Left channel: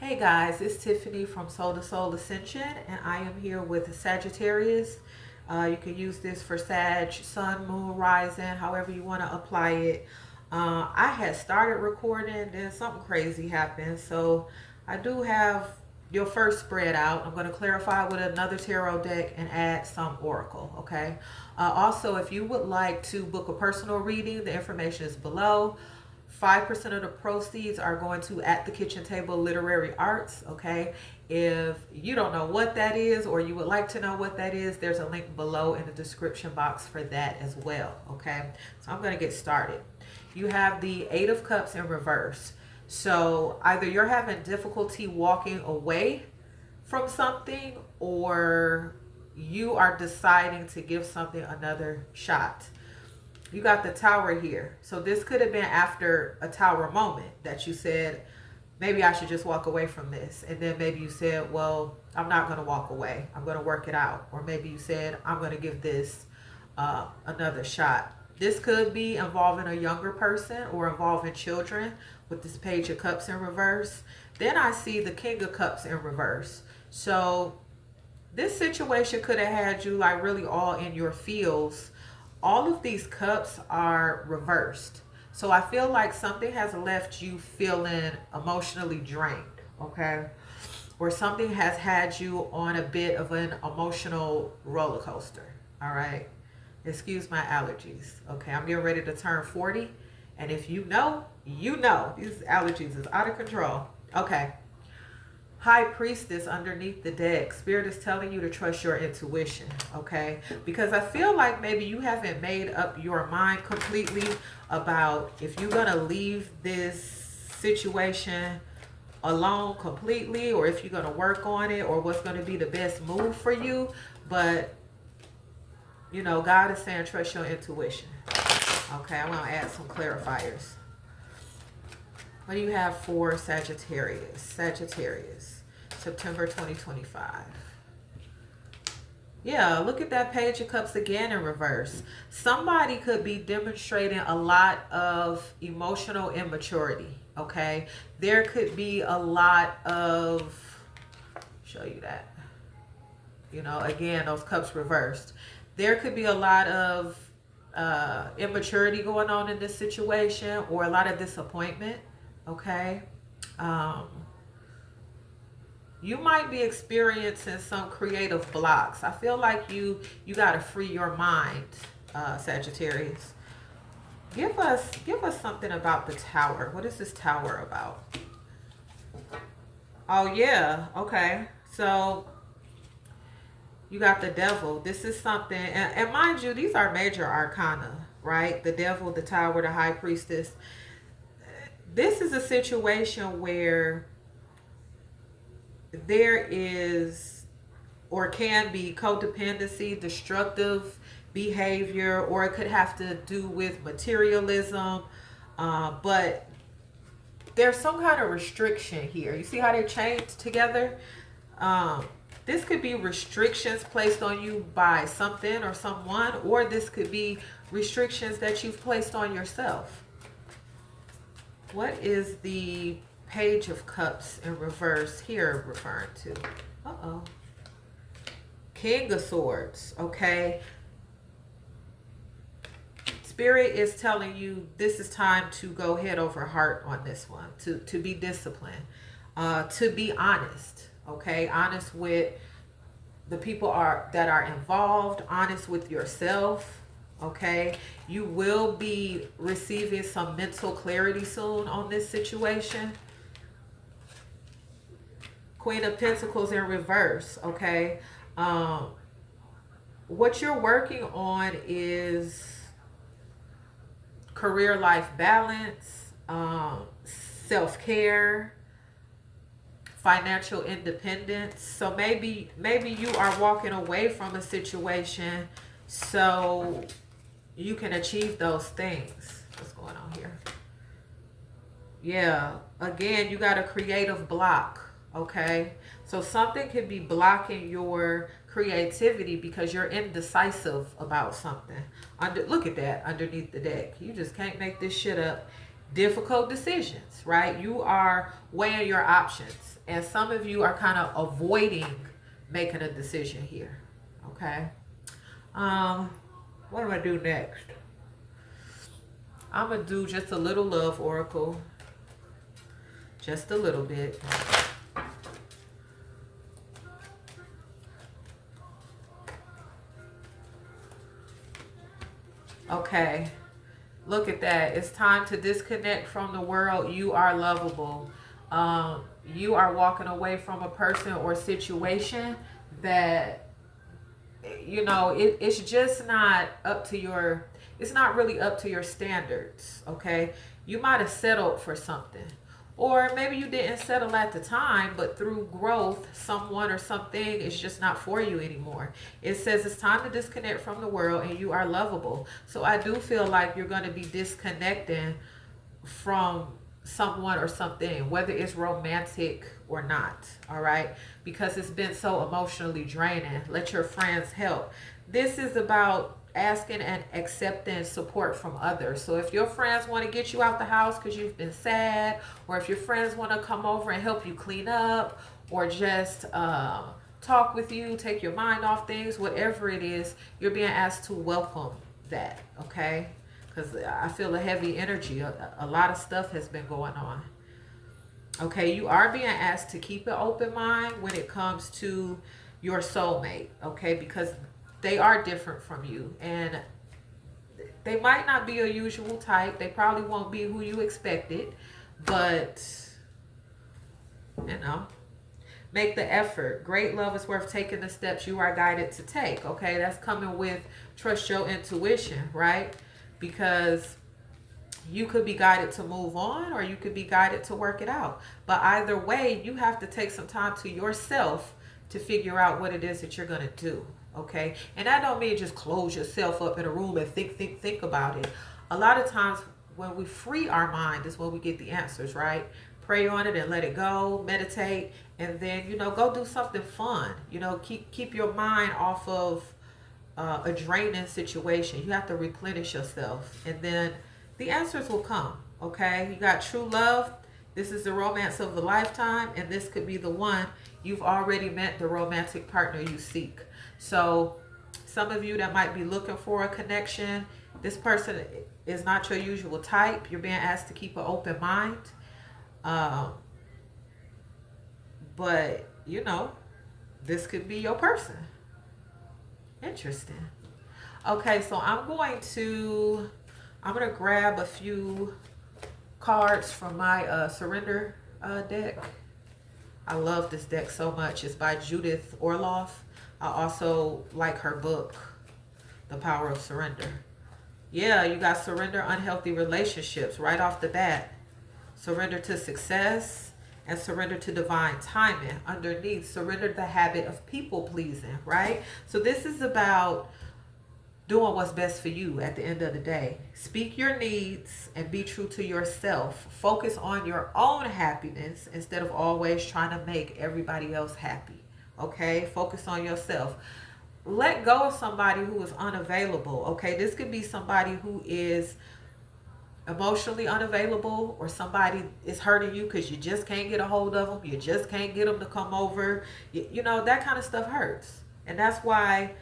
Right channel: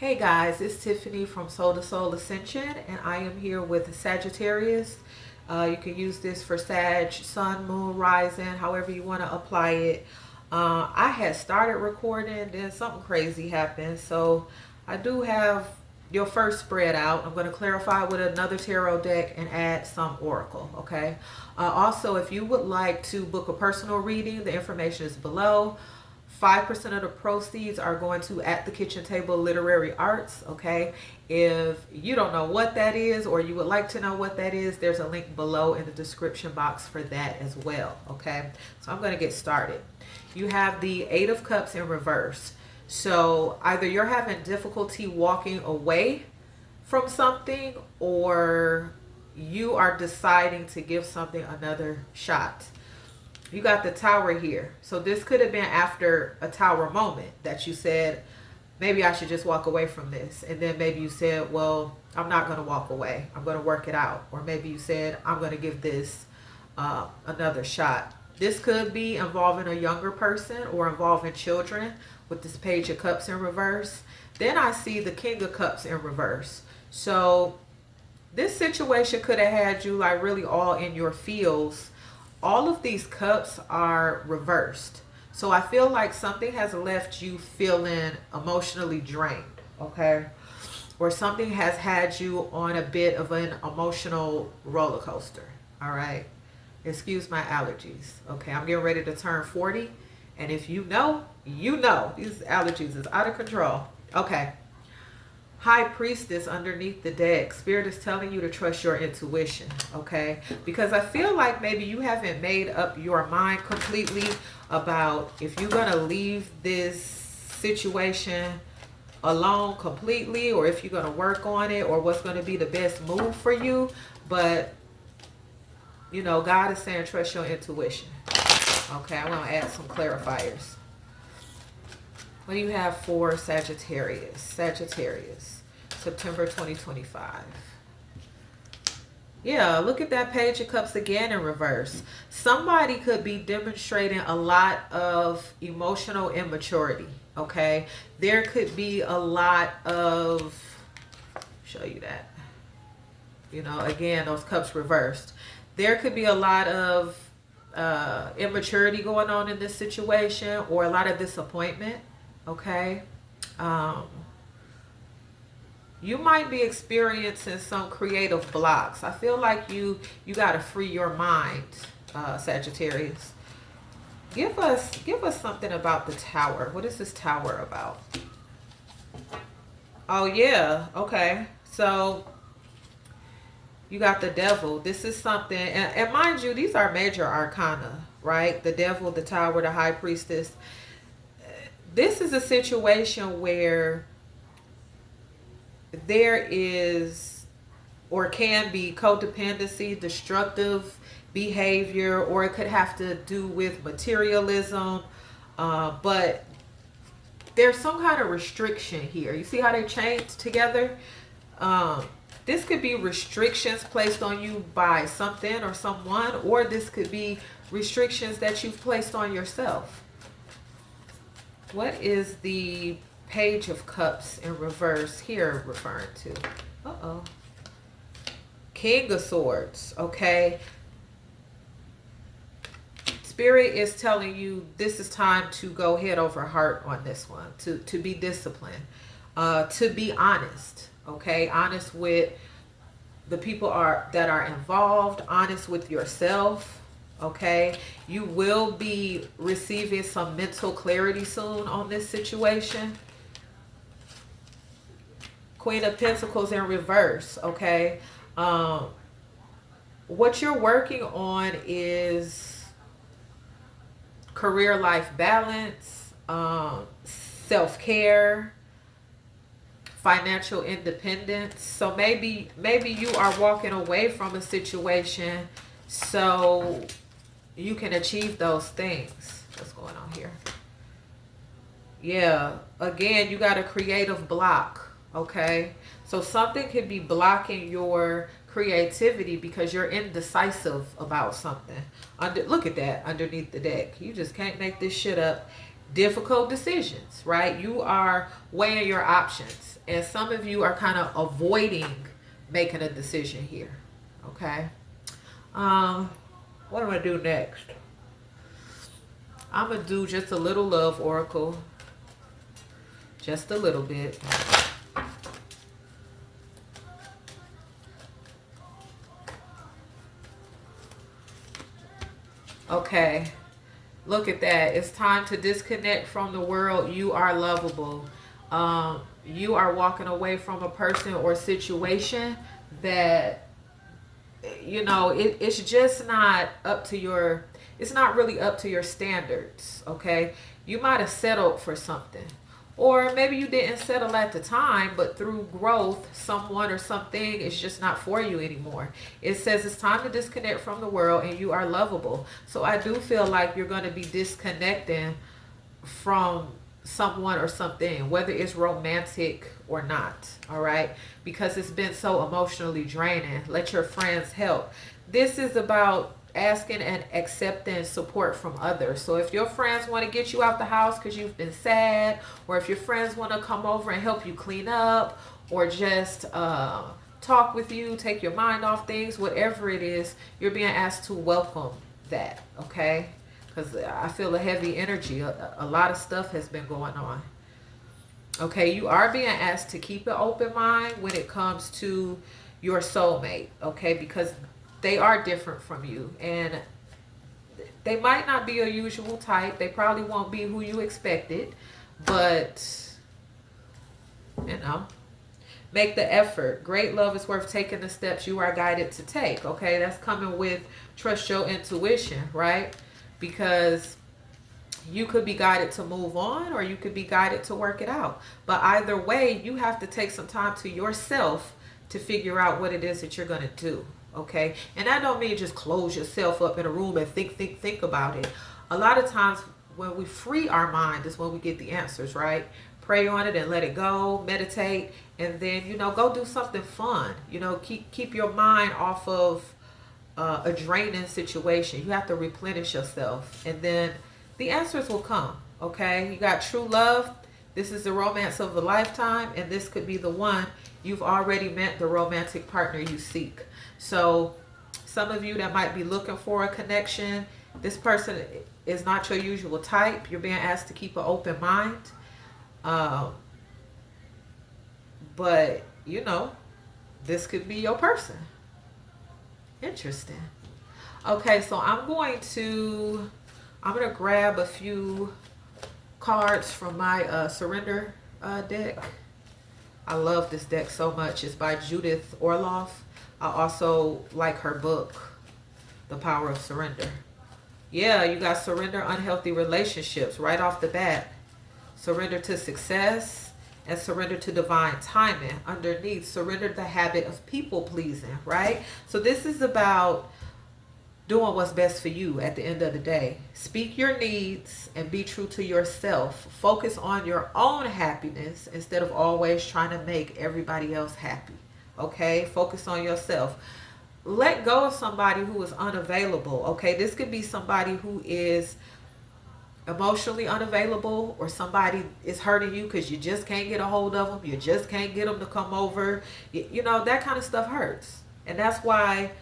Hey guys, it's Tiffany from Soul to Soul Ascension, and I am here with Sagittarius. You can use this for Sag, Sun, Moon, Rising, however you want to apply it. I had started recording, then something crazy happened, so I do have your first spread out. I'm going to clarify with another tarot deck and add some oracle, okay? Also, if you would like to book a personal reading, the information is below. 5% of the proceeds are going to At the Kitchen Table Literary Arts, okay? If you don't know what that is or you would like to know what that is, there's a link below in the description box for that as well, okay? So I'm going to get started. You have the Eight of Cups in reverse. So either you're having difficulty walking away from something or you are deciding to give something another shot. You got the Tower here. So this could have been after a Tower moment that you said, maybe I should just walk away from this. And then maybe you said, well, I'm not going to walk away. I'm going to work it out. Or maybe you said, I'm going to give this another shot. This could be involving a younger person or involving children with this Page of Cups in reverse. Then I see the King of Cups in reverse. So this situation could have had you like really all in your feels. All of these cups are reversed. So I feel like something has left you feeling emotionally drained, okay? Or something has had you on a bit of an emotional roller coaster, all right? Excuse my allergies, okay? I'm getting ready to turn 40. And if you know, you know. These allergies is out of control. Okay. High Priestess underneath the deck. Spirit is telling you to trust your intuition, okay? Because I feel like maybe you haven't made up your mind completely about if you're going to leave this situation alone completely or if you're going to work on it or what's going to be the best move for you. But, you know, God is saying trust your intuition. Okay, I'm going to add some clarifiers. What do you have for Sagittarius? Sagittarius, September 2025. Yeah, look at that Page of Cups again in reverse. Somebody could be demonstrating a lot of emotional immaturity, okay? There could be a lot of, show you that. You know, again, those cups reversed. There could be a lot of immaturity going on in this situation or a lot of disappointment. Okay, you might be experiencing some creative blocks. I feel like you got to free your mind, Sagittarius. Give us something about the Tower. What is this Tower about? Oh yeah, okay. So you got the Devil. This is something, and mind you, these are major arcana, right? The Devil, the Tower, the High Priestess. This is a situation where there is or can be codependency, destructive behavior, or it could have to do with materialism. But there's some kind of restriction here. You see how they chained together? This could be restrictions placed on you by something or someone, or this could be restrictions that you've placed on yourself. What is the Page of Cups in reverse here referring to? Uh-oh. King of Swords, okay? Spirit is telling you this is time to go head over heart on this one, to be disciplined, to be honest, okay? Honest with the people that are involved, honest with yourself. Okay, you will be receiving some mental clarity soon on this situation. Queen of Pentacles in reverse, okay? What you're working on is career life balance, self-care, financial independence. So maybe you are walking away from a situation so you can achieve those things. What's going on here? Yeah, again, you got a creative block, okay? So something could be blocking your creativity because you're indecisive about something. Look at that underneath the deck. You just can't make this shit up. difficult decisions, right? You are weighing your options. And some of you are kind of avoiding making a decision here. Okay. Um, what am I do next? I'm gonna do just a little love oracle. Just a little bit. Okay. Look at that. It's time to disconnect from the world. You are lovable. You are walking away from a person or situation that, you know, it's just not up to your, it's not really up to your standards. Okay. You might have settled for something. Or maybe you didn't settle at the time, but through growth, someone or something is just not for you anymore. It says it's time to disconnect from the world and you are lovable. So I do feel like you're going to be disconnecting from someone or something, whether it's romantic or not. All right. Because it's been so emotionally draining. Let your friends help. This is about asking and accepting support from others. So if your friends want to get you out the house because you've been sad, or if your friends want to come over and help you clean up, or just talk with you, take your mind off things, whatever it is, you're being asked to welcome that. Okay. Because I feel a heavy energy. A lot of stuff has been going on. Okay, you are being asked to keep an open mind when it comes to your soulmate. Okay, because they are different from you. And they might not be a usual type. They probably won't be who you expected. But, you know, make the effort. Great love is worth taking the steps you are guided to take. Okay, that's coming with trust your intuition, right? Because you could be guided to move on or you could be guided to work it out. But either way, you have to take some time to yourself to figure out what it is that you're going to do. Okay. And that don't mean just close yourself up in a room and think about it. A lot of times when we free our mind is when we get the answers, right? Pray on it and let it go, meditate, and then, you know, go do something fun. You know, keep your mind off of a draining situation. You have to replenish yourself, and then the answers will come. Okay, you got true love. This is the romance of a lifetime, and this could be the one. You've already met the romantic partner you seek. So some of you that might be looking for a connection, this person is not your usual type. You're being asked to keep an open mind. But you know, this could be your person. Interesting. Okay, so I'm gonna grab a few cards from my surrender deck. I love this deck so much. It's by Judith Orloff. I also like her book, The Power of Surrender. Yeah, you got surrender unhealthy relationships right off the bat. Surrender to success and surrender to divine timing. Underneath, surrender the habit of people pleasing, right? So this is about doing what's best for you at the end of the day. Speak your needs and be true to yourself. Focus on your own happiness instead of always trying to make everybody else happy. Okay? Focus on yourself. Let go of somebody who is unavailable. Okay? This could be somebody who is emotionally unavailable, or somebody is hurting you because you just can't get a hold of them. You just can't get them to come over. You know, that kind of stuff hurts. And that's why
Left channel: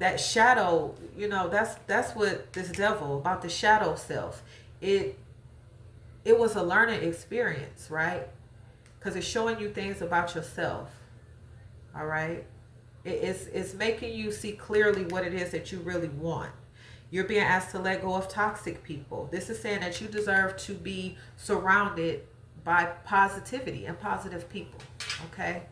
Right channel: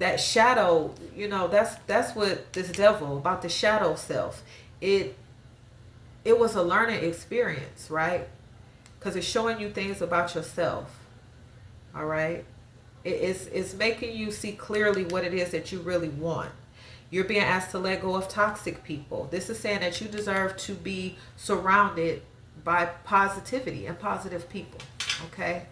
that shadow, you know, that's what this devil about, the shadow self. It was a learning experience, right? Because it's showing you things about yourself. All right. It's making you see clearly what it is that you really want. You're being asked to let go of toxic people. This is saying that you deserve to be surrounded by positivity and positive people. Okay.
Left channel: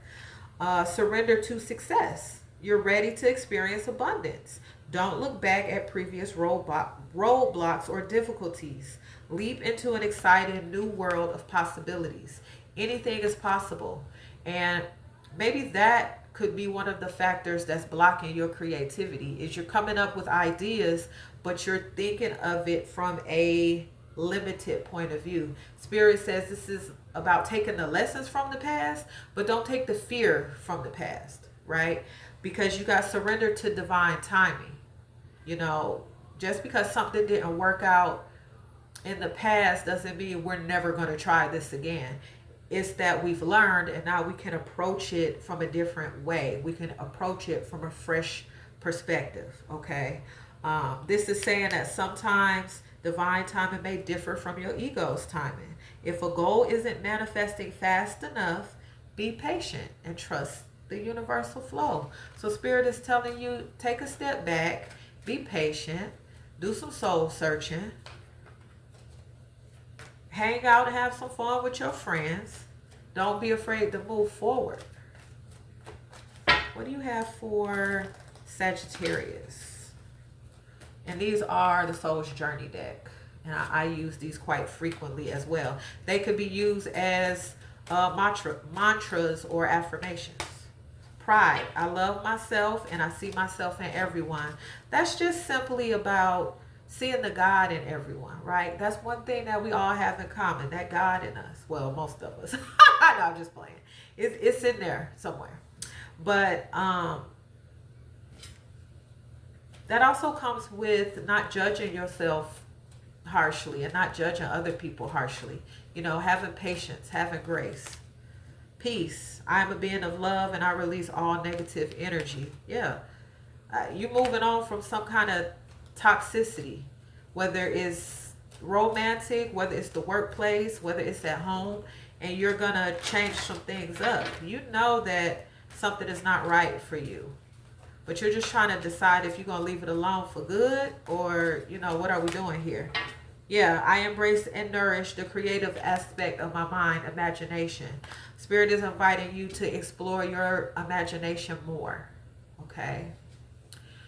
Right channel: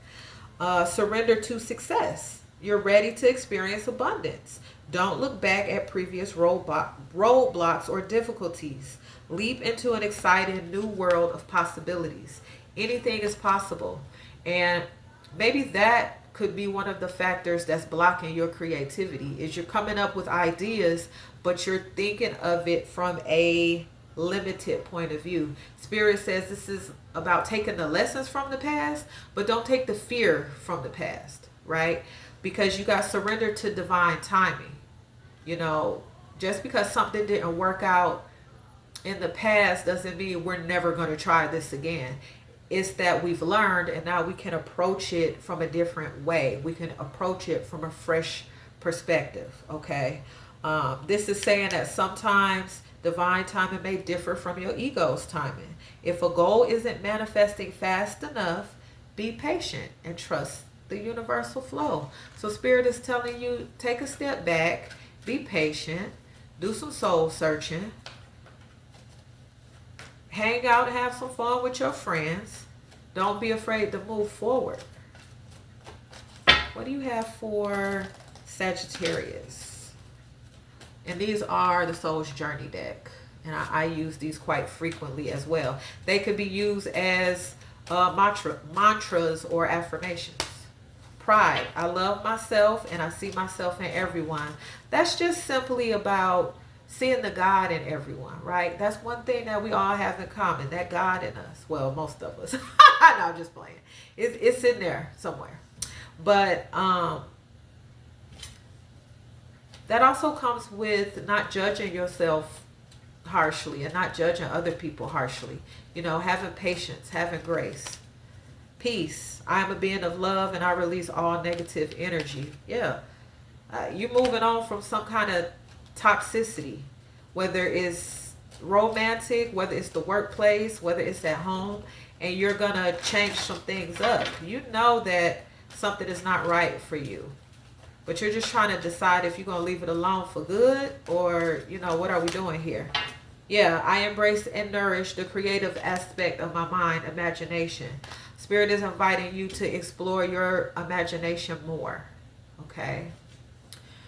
Surrender to success. You're ready to experience abundance. Don't look back at previous roadblocks or difficulties. Leap into an exciting new world of possibilities. Anything is possible. And maybe that could be one of the factors that's blocking your creativity, is you're coming up with ideas, but you're thinking of it from a limited point of view. Spirit says this is about taking the lessons from the past, but don't take the fear from the past, right? Because you got surrender to divine timing. You know, just because something didn't work out in the past doesn't mean we're never going to try this again. It's that we've learned and now we can approach it from a different way. We can approach it from a fresh perspective, okay? This is saying that sometimes divine timing may differ from your ego's timing. If a goal isn't manifesting fast enough, be patient and trust the universal flow. So Spirit is telling you, take a step back, be patient, do some soul searching, hang out and have some fun with your friends. Don't be afraid to move forward. What do you have for Sagittarius? And these are the Soul's Journey deck. And I use these quite frequently as well. They could be used as mantras or affirmations. Pride. I love myself and I see myself in everyone. That's just simply about seeing the God in everyone, right? That's one thing that we all have in common, that God in us. Well, most of us. No, I'm just playing. It's in there somewhere. But that also comes with not judging yourself harshly and not judging other people harshly. You know, having patience, having grace. Peace. I am a being of love and I release all negative energy. Yeah. You're moving on from some kind of toxicity, whether it's romantic, whether it's the workplace, whether it's at home, and you're gonna change some things up. You know that something is not right for you, but you're just trying to decide if you're gonna leave it alone for good, or you know, what are we doing here? Yeah, I embrace and nourish the creative aspect of my mind, imagination. Spirit is inviting you to explore your imagination more, okay?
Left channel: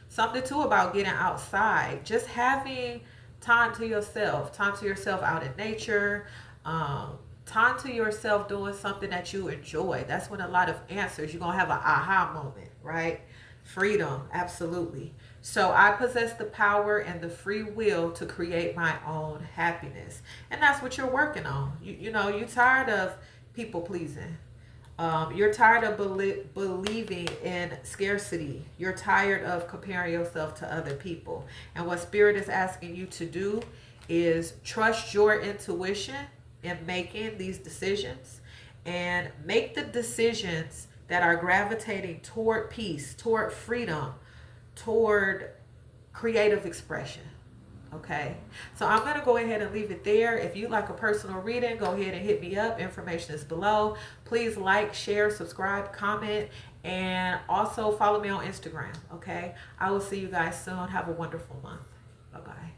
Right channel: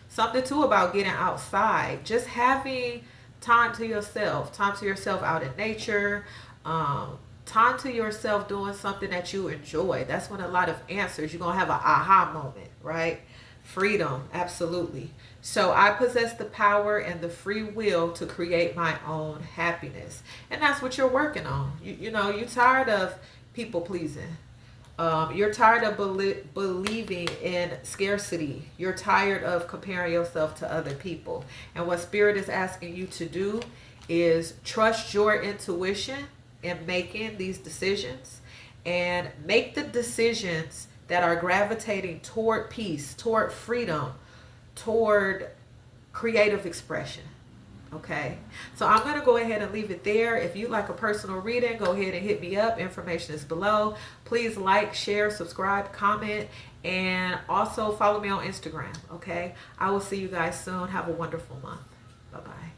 Something too about getting outside, just having time to yourself out in nature, time to yourself doing something that you enjoy. That's when a lot of answers, you're going to have an aha moment, right? Freedom, absolutely. So I possess the power and the free will to create my own happiness. And that's what you're working on. You know, you're tired of people pleasing. You're tired of believing in scarcity. You're tired of comparing yourself to other people. And what Spirit is asking you to do is trust your intuition in making these decisions, and make the decisions that are gravitating toward peace, toward freedom, toward creative expression. Okay, so I'm going to go ahead and leave it there. If you'd like a personal reading, go ahead and hit me up. Information is below. Please like, share, subscribe, comment, and also follow me on Instagram. Okay, I will see you guys soon. Have a wonderful month. Bye-bye.